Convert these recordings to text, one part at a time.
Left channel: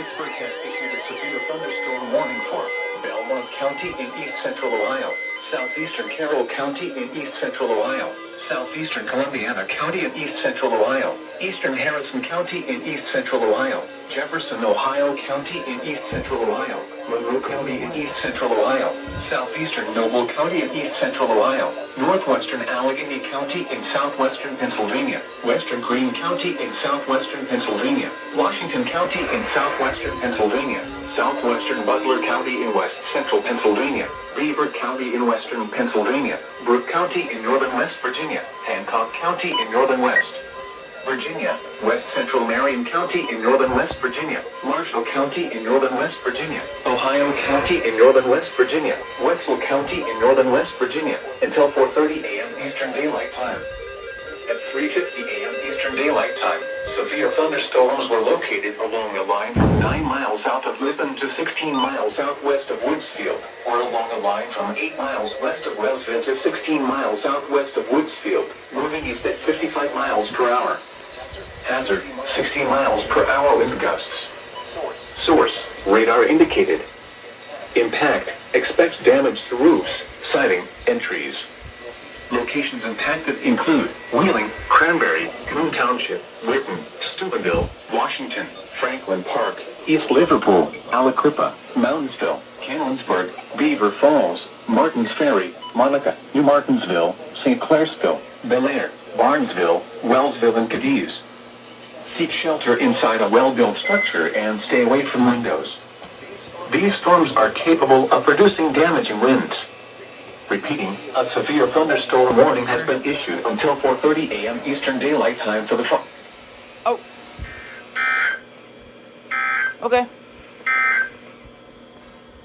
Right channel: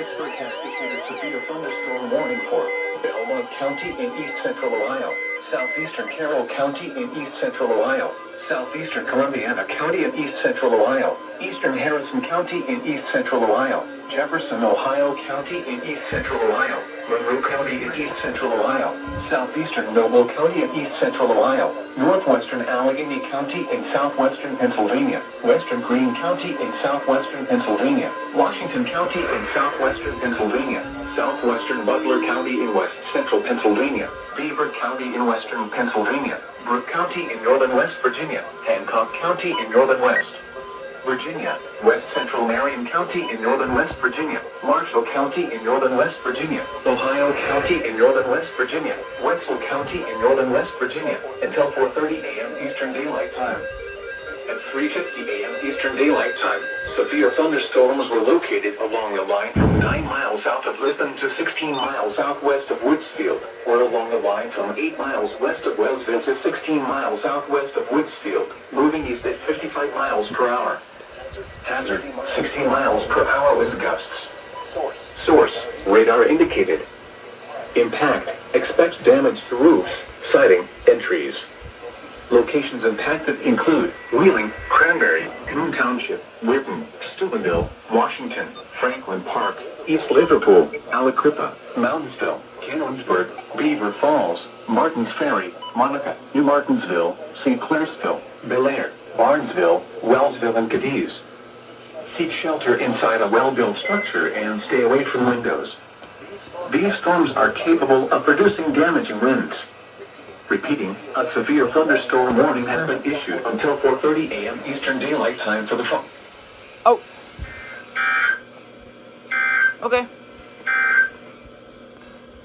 Pittsburgh has issued a severe thunderstorm warning for Belmont County in east central Ohio, southeastern Carroll County in east central Ohio, southeastern Columbiana County in east central Ohio, eastern Harrison County in east central Ohio, Jefferson, Ohio County in east central Ohio, Monroe County in east central Ohio, southeastern Noble County in east central Ohio, northwestern Allegheny County in southwestern Pennsylvania, western Greene County in southwestern Pennsylvania, Washington County in southwestern Pennsylvania, southwestern Butler County in west central Pennsylvania, Beaver County in western Pennsylvania, Brooke County in northern West Virginia, Hancock County in northern West Virginia, west central Marion County in northern West Virginia, Marshall County in northern West Virginia, Ohio County in northern West Virginia, Wetzel County in northern West Virginia, until 4:30 a.m. Eastern Daylight Time. At 3:50 a.m. Eastern Daylight Time, severe thunderstorms were located along the line from 9 miles south of Lisbon to 16 miles southwest of Woodsfield, or along the line from 8 miles west of Wellsville to 16 miles southwest of Woodsfield, moving east at 55 miles per hour. Hazard, 16 miles per hour wind gusts. Source, radar indicated. Impact, expect damage to roofs, siding, and trees. Locations impacted include Wheeling, Cranberry, Coon Township, Whitten, Steubenville, Washington, Franklin Park, East Liverpool, Aliquippa, Moundsville, Cannonsburg, Beaver Falls, Martins Ferry, Monica, New Martinsville, St. Clairsville, Bel Air, Barnesville, Wellsville, and Cadiz. Seek shelter inside a well-built structure and stay away from windows. These storms are capable of producing damaging winds. Repeating, a severe thunderstorm warning has been issued until 4:30 a.m. Eastern Daylight Time for the phone. Oh. Okay.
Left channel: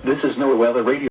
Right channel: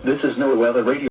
This is NOAA Weather Radio.